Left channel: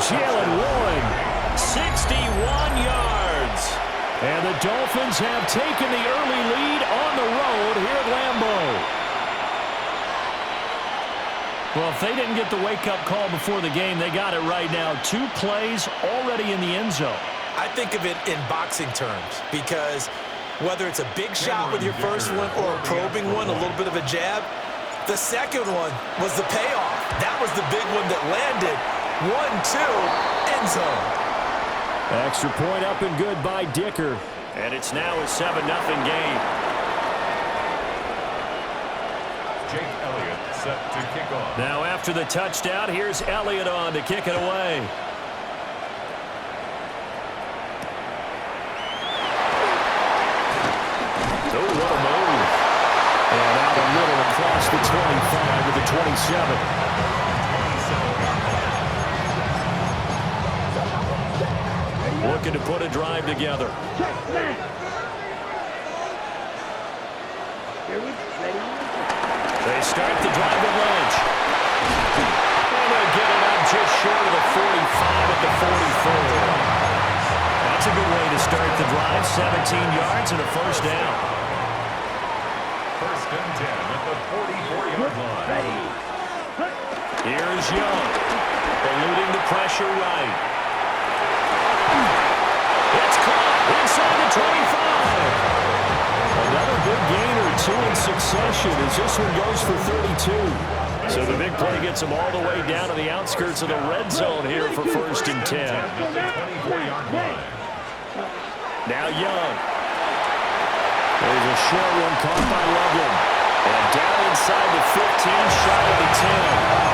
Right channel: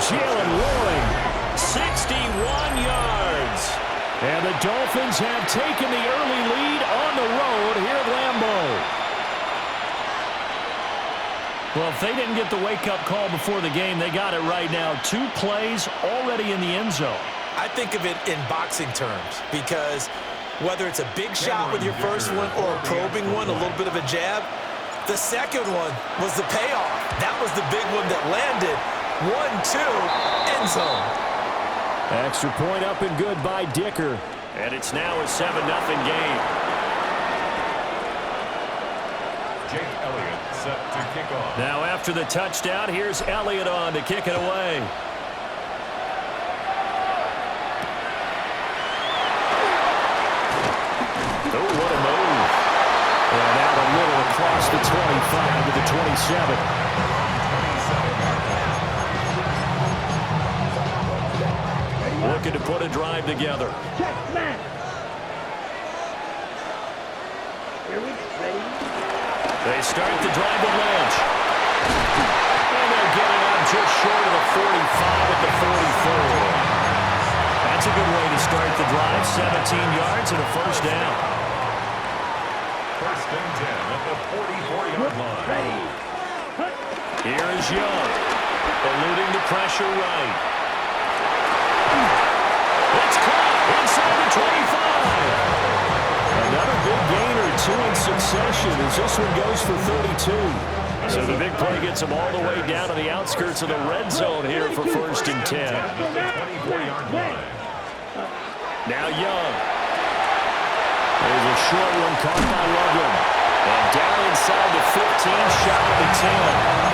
Jalen Warren, 61 yards. And the Dolphins have taken the early lead on the road here at Lambeau. Well, if they didn't get the wake-up call before the game, they got it right now. 2 plays already in the end zone. I think of it in boxing terms because whether it's a big shot with your first one or a probing one, a little bit of a jab, the second one was the payoff. That was the big one that landed. 1-2, end zone. Extra point up and good by Dicker. And it's now a 7-0 game. Jake Elliott set to kick off. Now after the touchdown, here's Elliott on to kick it away. Oh, what a move. And out a little across the 25 to the 27. Looking to put a drive together. They start the drive with Lynch. And they'll get it up just short of the 45 at the 44. That's a good way to start the drive. 17 yards and a first down. First and 10 at the 44-yard line. Here is Young. Eluding the pressure right. It's caught inside the 25. Another big gain or 2 in succession as this one goes for 32. So the big play gets them all the way down to the outskirts of the red zone here for first and 10. Now Young. There's a short one caught by Loveland. And down inside the 15, shy of the 10.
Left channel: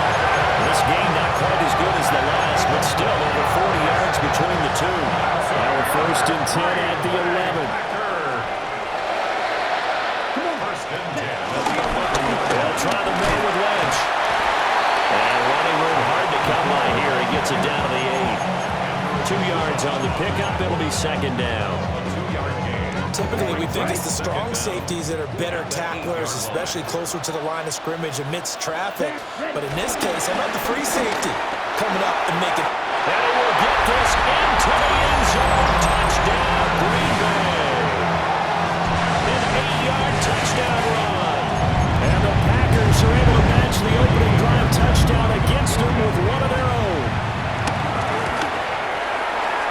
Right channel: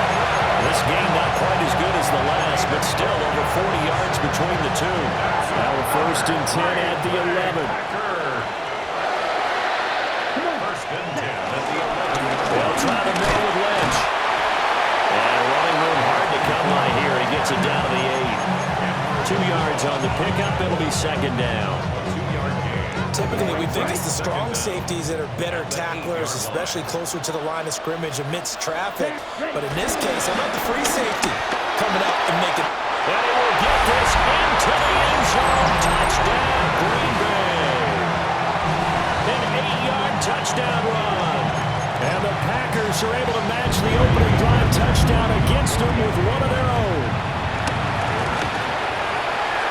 This game not quite as good as the last, but still over 40 yards between the two. Now a first and 10 at the 11. First and 10 at the 11. They'll try the middle with Lynch. And running room hard to come by here. He gets it down to the 8. 2 yards on the pickup. It'll be second down. A 2-yard gain. Typically, we think it's the strong safeties that are better tacklers, especially closer to the line of scrimmage amidst traffic. But in this case, how about the free safety coming up and making... And he will get this into the end zone. Touchdown, Green Bay. An 8-yard touchdown run. And the Packers are able to match the opening drive touchdown against them with one of their own.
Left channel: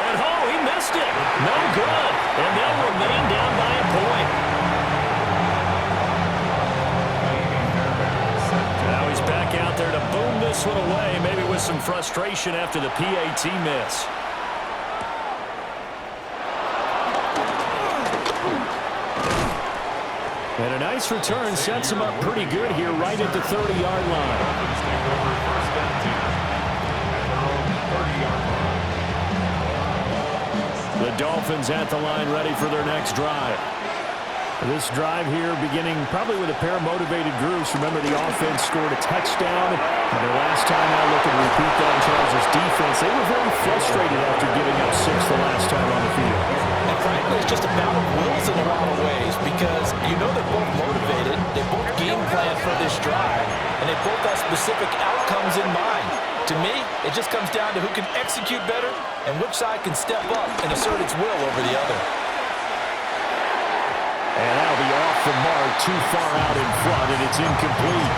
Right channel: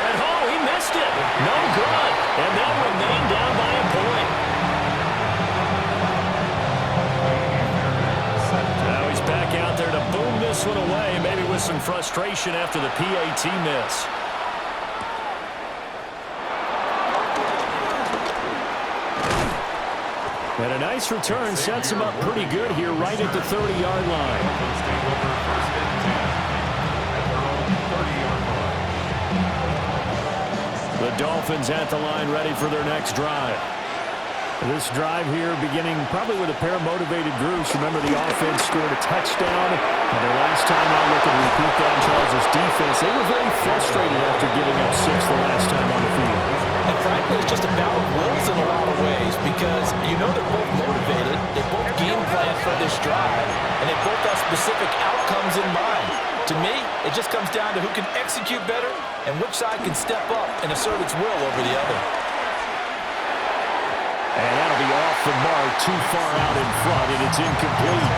And oh, he missed it. No good. And they'll remain down by a point. Now he's back out there to boom this one away, maybe with some frustration after the PAT miss. And a nice return sets him up pretty good here right at the 30-yard line. Dolphins take over first and 10 at their own 30-yard line. The Dolphins at the line ready for their next drive. This drive here beginning probably with a pair of motivated groups. Remember, the offense scored a touchdown. And their last time out looking to repeat that in Charles' defense. They were very frustrated after giving up 6 the last time on the field. And frankly, it's just a battle of wills in a lot of ways because you know they're both motivated. They both game plan for this drive. And they both have specific outcomes in mind. To me, it just comes down to who can execute better and which side can step up and assert its will over the other. And that'll be off the mark, too far out in front, and it's incomplete.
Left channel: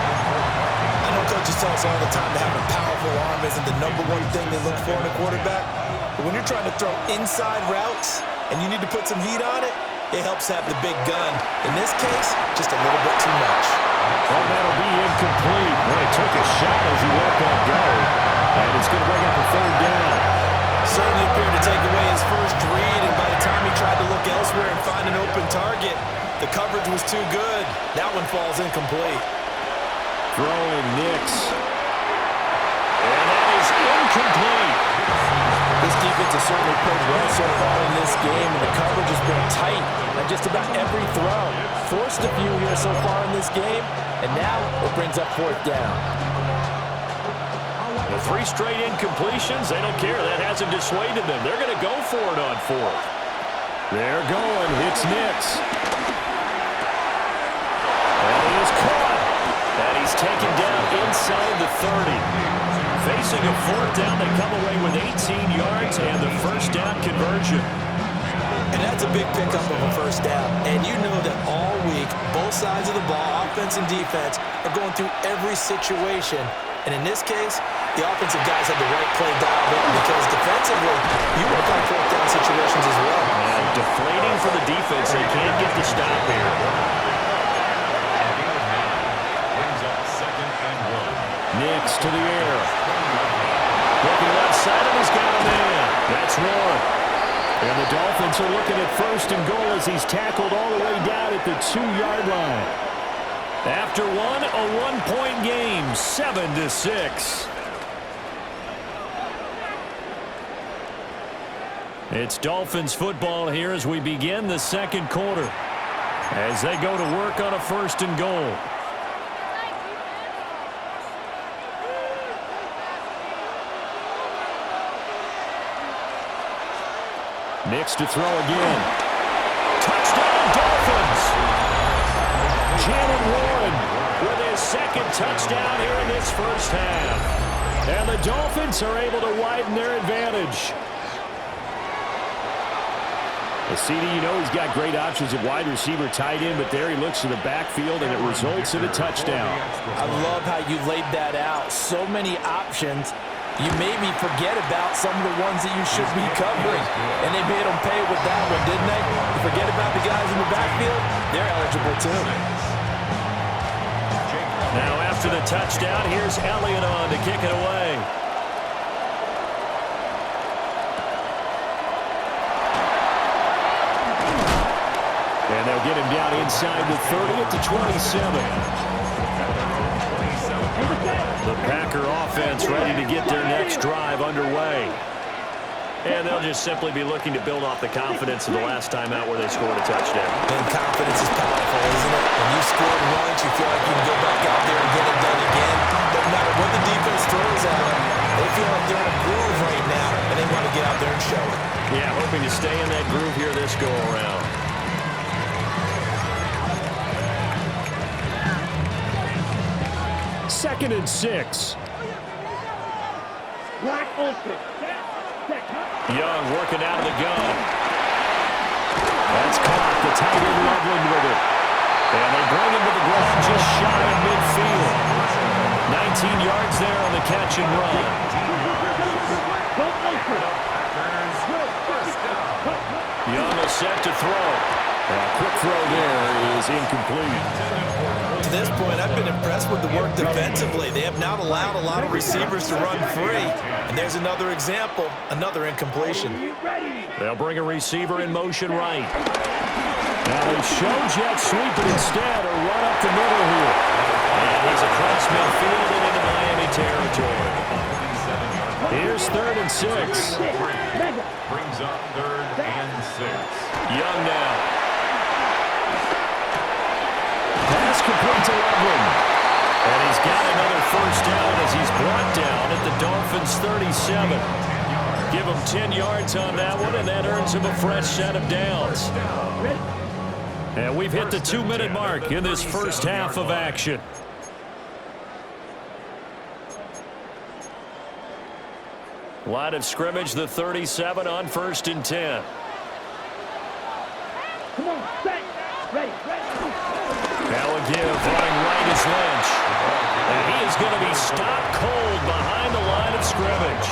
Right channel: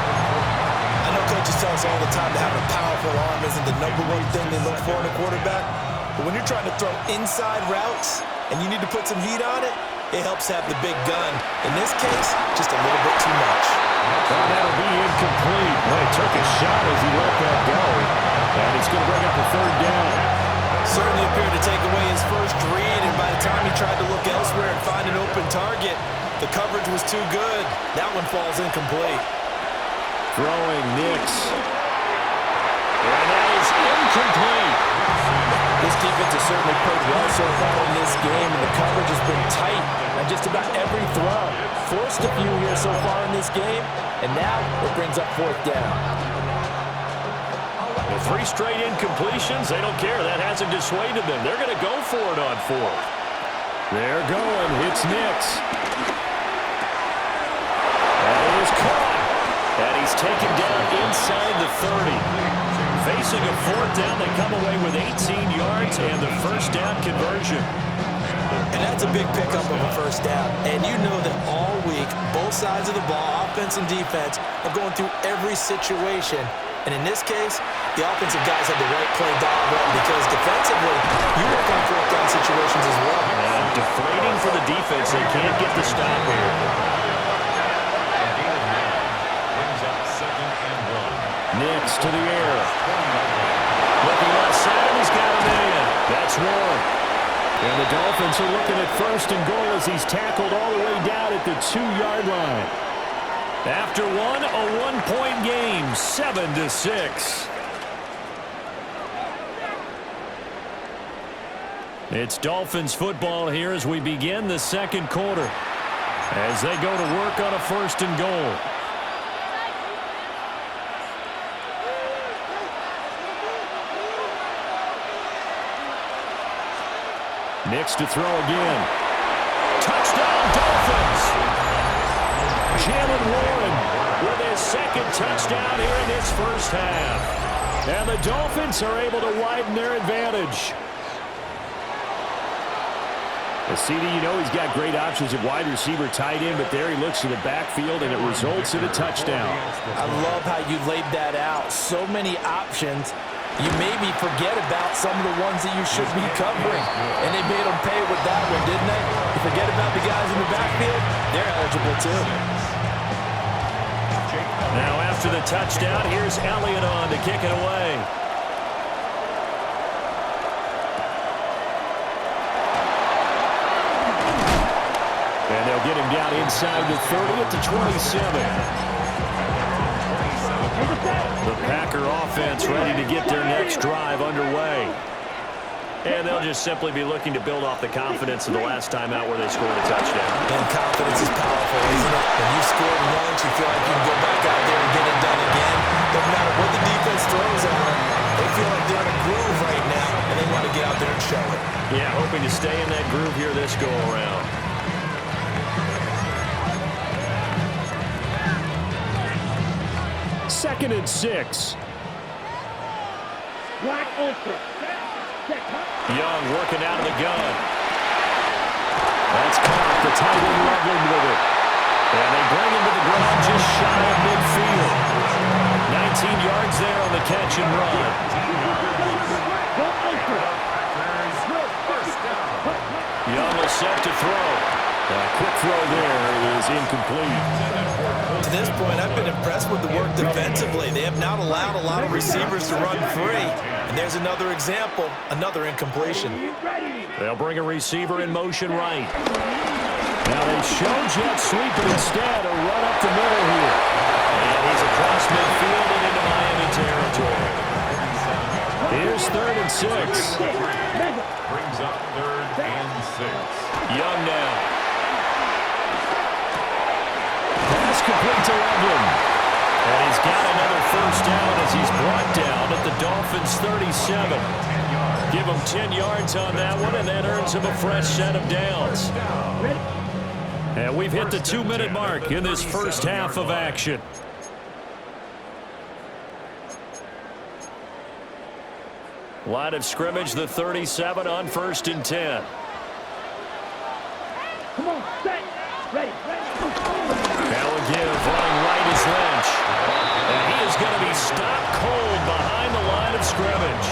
I know coaches tell us all the time to have a powerful arm isn't the #1 thing they look for in a quarterback. But when you're trying to throw inside routes and you need to put some heat on it, it helps have the big gun. In this case, just a little bit too much. Well, that'll be incomplete. Well, he took a shot as he let that go. And it's going to bring up a third down. Certainly appeared to take away his first read, and by the time he tried to look elsewhere and find an open target, the coverage was too good. That one falls incomplete. Throwing Nix. And that is incomplete. This defense has certainly played well so far in this game, and the coverage has been tight on just about every throw. Forced a few here so far in this game, and now it brings up fourth down. The 3 straight incompletions, they don't care. That hasn't dissuaded them. They're going to go for it on 4th. They're going. It's Nix. That is caught. And he's taken down inside the 30. Facing a fourth down, they come away with 18 yards and the first down conversion. And that's a big pickup of a first down. And you know that all week, both sides of the ball, offense and defense, are going through every situation. And in this case, the offensive guys had the right play dialed up because defensively, you work on fourth down situations as well. And deflating for the defense. They can't get the stop here. Brings up 2nd and 1. Nix to the air. Looking left side, and he's got a man. That's one. And the Dolphins are looking at 1st and goal as he's tackled all the way down at the 2-yard line. After one, a one-point game, 7-6. It's Dolphins football here as we begin the second quarter. As they go to work on a 1st and goal. Nix to throw again. Touchdown, Dolphins! Jalen Warren with his second touchdown here in this first half. And the Dolphins are able to widen their advantage. Well, CD, you know he's got great options at wide receiver, tight end, but there he looks to the backfield, and it results in a touchdown. I love how you laid that out. So many options. You maybe forget about some of the ones that you should be covering. And they made them pay with that one, didn't they? You forget about the guys in the backfield, they're eligible too. Now after the touchdown, here's Elliott on to kick it away. And they'll get him down inside the 30 at the 27. The Packer offense ready to get their next drive underway. And they'll just simply be looking to build off the confidence of the last time out where they scored a touchdown. And confidence is powerful, isn't it? When you've scored once, you feel like you can go back out there and get it done again. No matter what the defense throws at them, they feel like they're in a groove right now, and they want to get out there and show it. Yeah, hoping to stay in that groove here this go-around. Second and 6. Young working out of the gun. That's caught. The tight end Loveland with it. And they bring him to the ground just shy of midfield. 19 yards there on the catch and run. Young will set to throw. A quick throw there is incomplete. To this point, I've been impressed with the work defensively. They have not allowed a lot of receivers to run free. And there's another example, another incompletion. They'll bring a receiver in motion right. Now they show jet sweep, but instead a run up the middle here. And he's across midfield and into Miami territory. Here's 3rd and 6. Brings up 3rd and 6. Young now. Pass complete to Loveland. And he's got another first down as he's brought down at the Dolphins' 37. Give him 10 yards on that one, and that earns him a fresh set of downs. And we've hit the 2-minute mark in this first half of action. Line of scrimmage, the 37 on 1st and 10. Come on, set, ready. Now a give, running right is Lynch. And he is going to be stopped cold behind the line of scrimmage.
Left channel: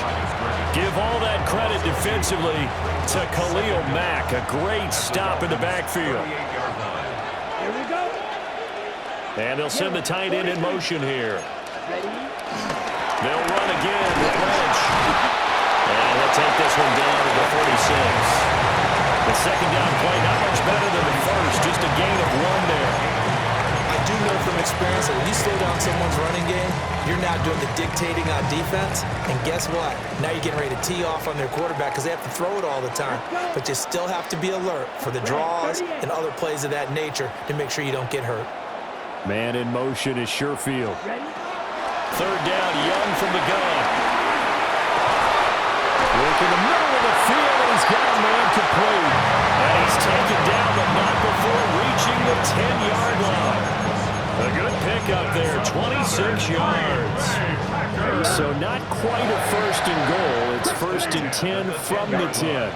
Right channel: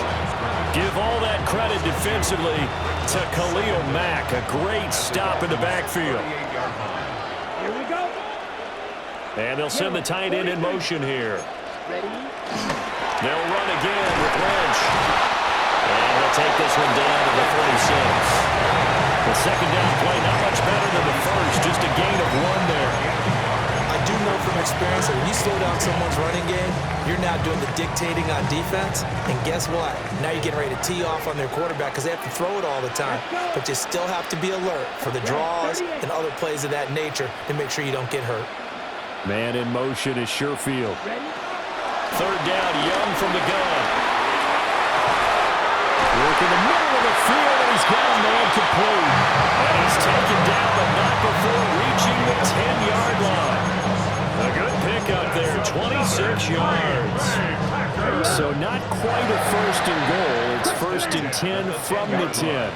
Give all that credit defensively to Khalil Mack. A great stop in the backfield. Here we go. And they'll send the tight end in motion here. Ready? They'll run again with Lynch. And he'll take this one down to the 46. The second down play, not much better than the first, just a gain of 1 there. I do know from experience that when you slow down someone's running game, you're now doing the dictating on defense. And guess what? Now you're getting ready to tee off on their quarterback because they have to throw it all the time. But you still have to be alert for the draws and other plays of that nature to make sure you don't get hurt. Man in motion is Sherfield. Ready? 3rd down, Young from the gun. Work in the middle of the field, and he's got a man complete. And he's taken down, but not before reaching the 10-yard line. A good pick up there, 26 yards. So not quite a first and goal. It's first and 10 from the 10.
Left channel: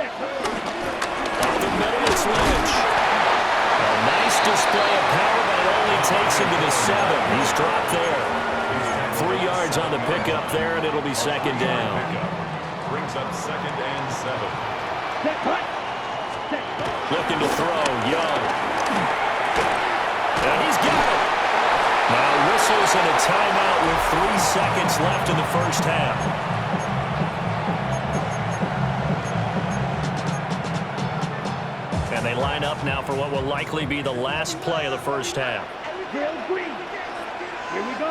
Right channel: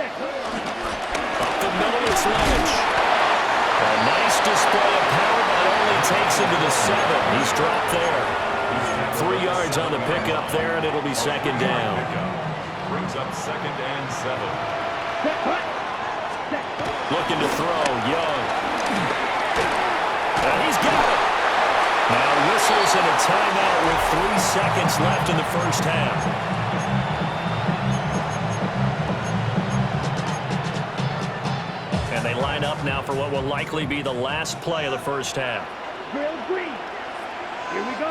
Up the middle, it's Lynch. A nice display of power, but it only takes him to the 7. He's dropped there. 3 yards on the pickup there, and it'll be second down. Brings up second and 7. Looking to throw, Young. And he's got it. Now whistles and a timeout with 3 seconds left in the first half. And they line up now for what will likely be the last play of the first half. Here we go.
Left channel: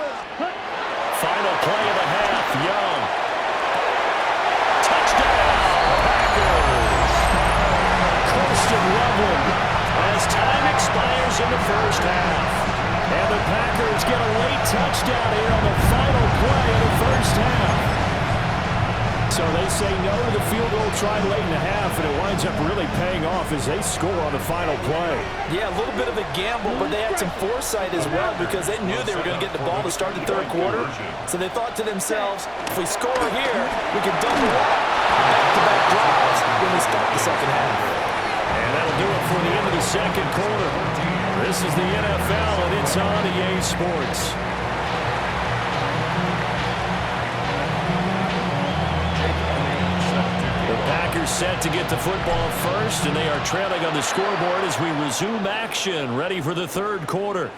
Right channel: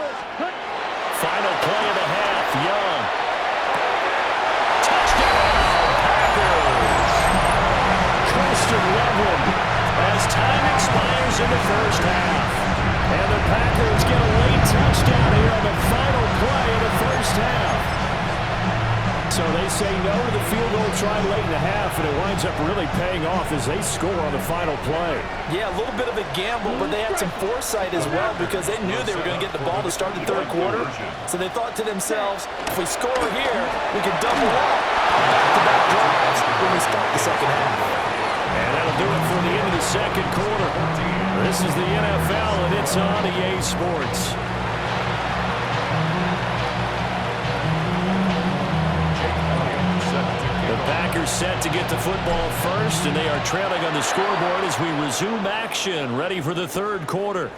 Final play of the half, Young. Touchdown, Packers. Coasted Loveland as time expires in the first half. And the Packers get a late touchdown here on the final play of the first half. So they say no to the field goal try late in the half, and it winds up really paying off as they score on the final play. Yeah, a little bit of a gamble, but they had some foresight as well because they knew they were going to get the ball to start the third quarter. So they thought to themselves, if we score here, we can double up back-to-back drives when we start the second half. And that'll do it for the end of the second quarter. This is the NFL, and it's on EA Sports. The Packers set to get the football first, and they are trailing on the scoreboard as we resume action, ready for the third quarter.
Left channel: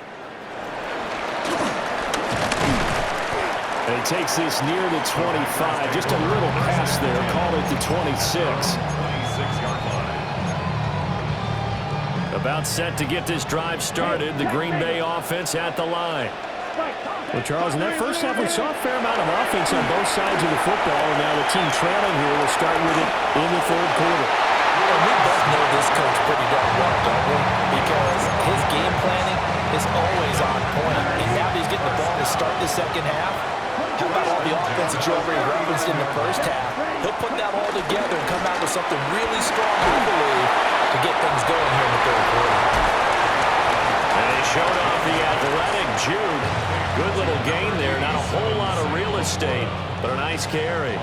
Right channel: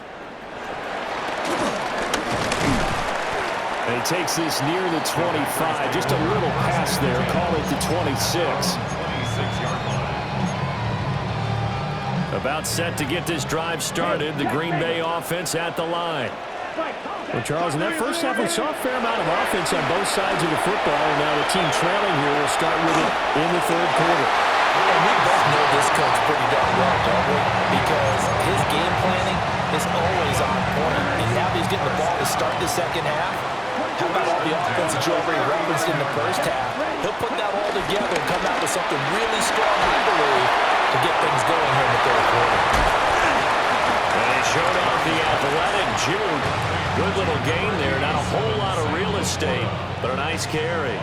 And he takes this near the 25, just a little past there, call it the 26. 26-yard line. About set to get this drive started, the Green Bay offense at the line. Well, Charles, in that first half, we saw a fair amount of offense on both sides of the football, and now the team trailing here will start with it in the third quarter. And we both know this coach pretty darn well, don't we? Because his game planning is always on point, and now that he's getting the ball to start the second half, how about all the offense that you already referenced in the first half? He'll put that all together and come out with something really strong, I believe, to get things going here in the third quarter. And they showed off the athletic juke. Good little gain there. Not a whole lot of real estate, but a nice carry.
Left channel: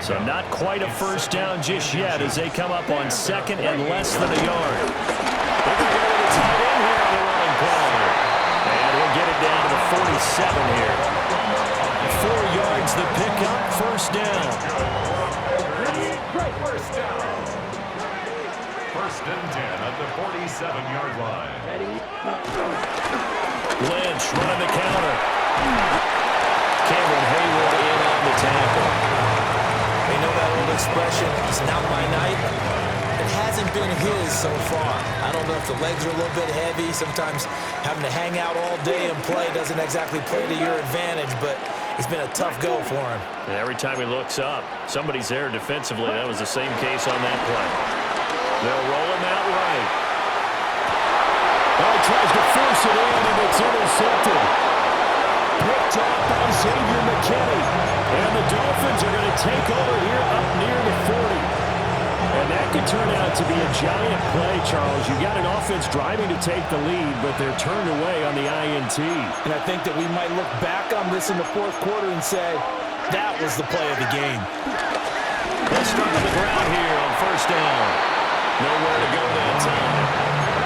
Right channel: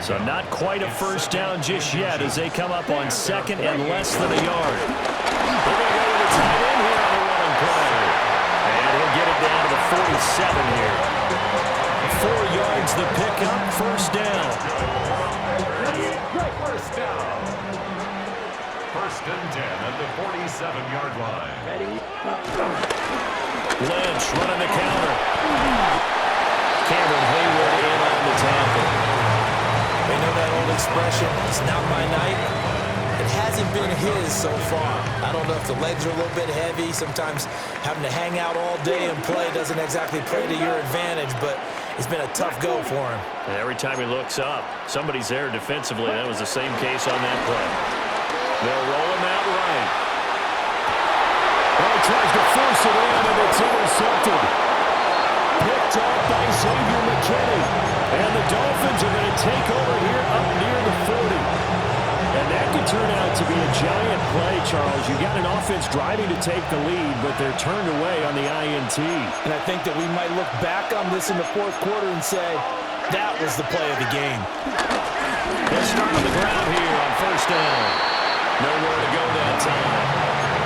So not quite a first down just yet as they come up on second and less than a yard. They're going to go with a tight end here on the running play. And he'll get it down to the 47 here. 4 yards the pickup, first down. First down. First and 10 at the 47-yard line. Lynch running the counter. Cameron Hayward in on the tackle. They know that old expression, it's not my night. It hasn't been his so far. I don't know if the legs are a little bit heavy. Sometimes having to hang out all day and play doesn't exactly play to your advantage, but it's been a tough go for him. And every time he looks up, somebody's there defensively. That was the same case on that play. They'll roll him out right. Oh, he tries to force it in, and it's intercepted. Picked off by Xavier McKinney. And the Dolphins are going to take over here up near the 40. And that could turn out to be a giant play, Charles. You got an offense driving to take the lead, but they're turned away on the INT. And I think that we might look back on this in the fourth quarter and say, that was the play of the game. They'll start on the ground here on first down. Nowhere to go that time.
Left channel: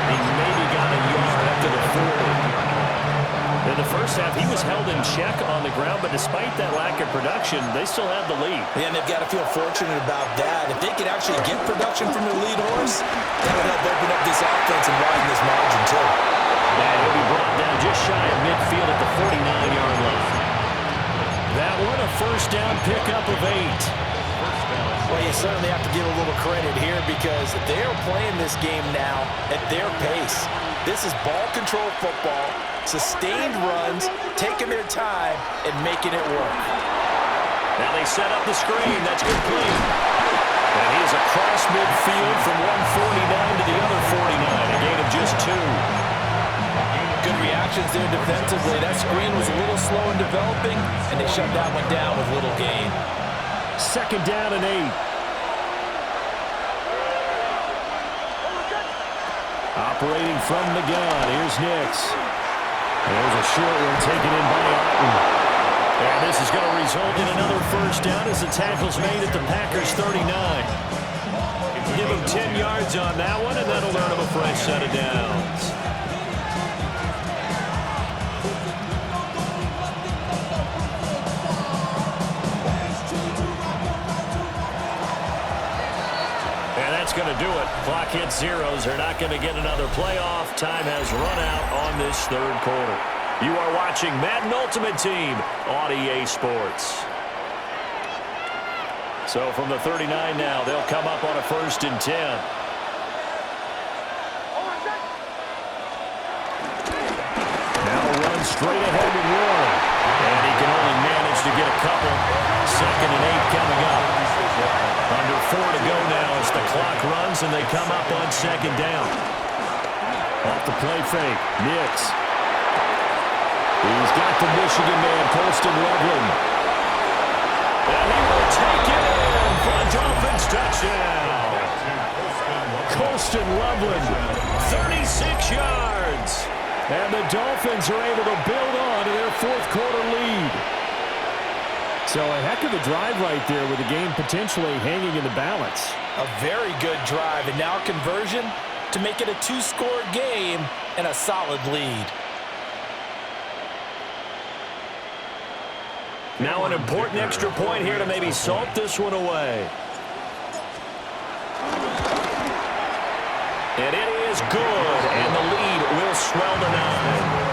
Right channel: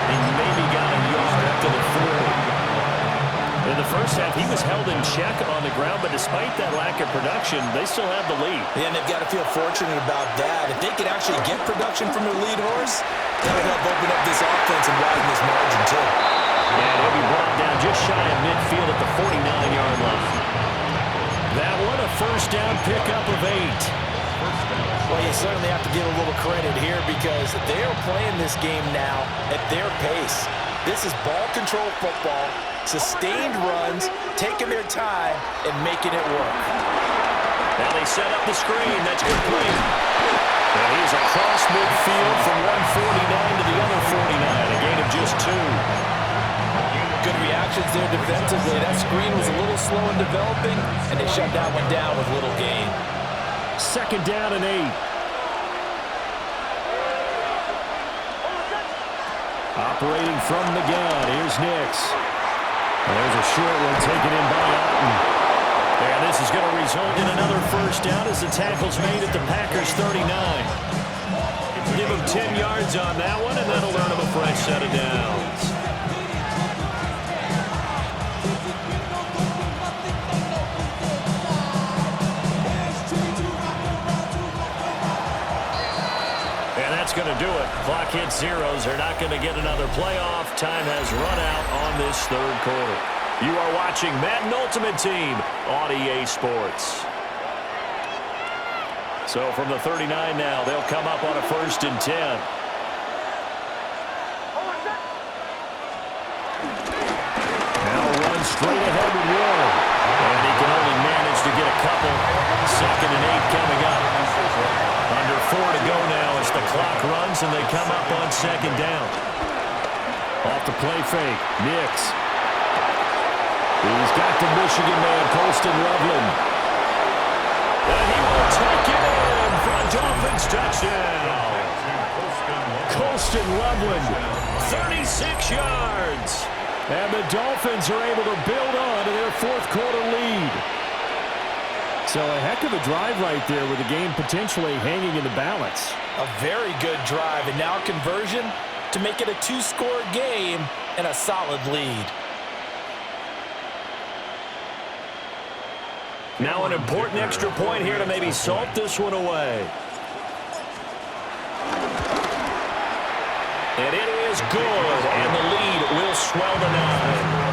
He maybe got a yard up to the 40. In the first half, he was held in check on the ground, but despite that lack of production, they still have the lead. Yeah, and they've got to feel fortunate about that. If they could actually get production from their lead horse, that would help open up this offense and widen this margin, too. And he'll be brought down just shy of midfield at the 49-yard line. That one, a first down pickup of 8. Well, you certainly have to give a little credit here because they are playing this game now at their pace. This is ball control football, sustained runs, taking their time, and making it work. Now they set up the screen. That's complete. And he is across midfield from 149 to the other 49, a gain of just 2. Good reactions there defensively. That screen was a little slow in developing, and they shut that one down with little gain. Second down and 8. Operating from the gun, here's Nix. And there's a short one taken in by Otten. And this is going to result in another first down as the tackle's made at the Packers' 39. Give him 10 yards on that one, and that'll earn him a fresh set of downs. And that's going to do it. Clock hits zeros. They're not going to get another playoff. Time has run out on this third quarter. You are watching Madden Ultimate Team on EA Sports. So from the 39 now, they'll come up on a 1st and 10. Now run straight ahead with Warren. And he can only manage to get a couple. 2nd and 8 coming up. Under 4 to go now as the clock runs and they come up on 2nd down. Off the play fake, Nix. He's got the Michigan man, Colston Loveland. And he will take it in for a Dolphins touchdown. Colston Loveland, 36 yards. And the Dolphins are able to build on to their 4th quarter lead. So a heck of a drive right there with the game potentially hanging in the balance. A very good drive, and now conversion to make it a 2-score game and a solid lead. Now an important extra point here to maybe salt this one away. And it is good, and the lead will swell to 9.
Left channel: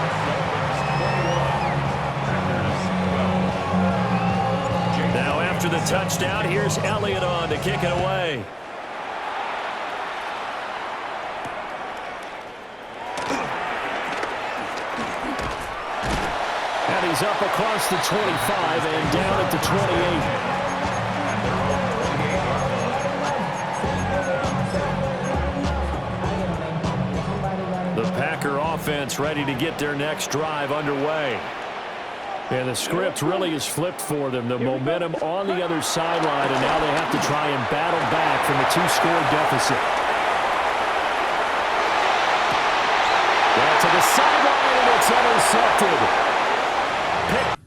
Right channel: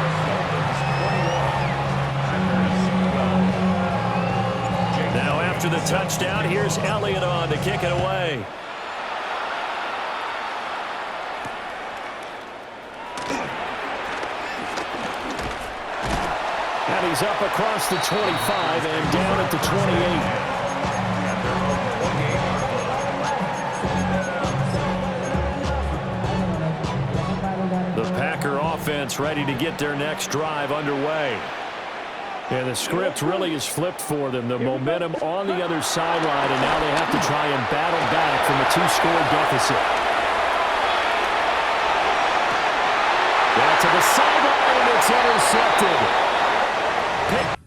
Now after the touchdown, here's Elliott on to kick it away. And he's up across the 25 and down at the 28. The Packer offense ready to get their next drive underway. And the script really is flipped for them. The momentum on the other sideline, and now they have to try and battle back from a 2-score deficit. Back to the sideline, and it's intercepted. Picked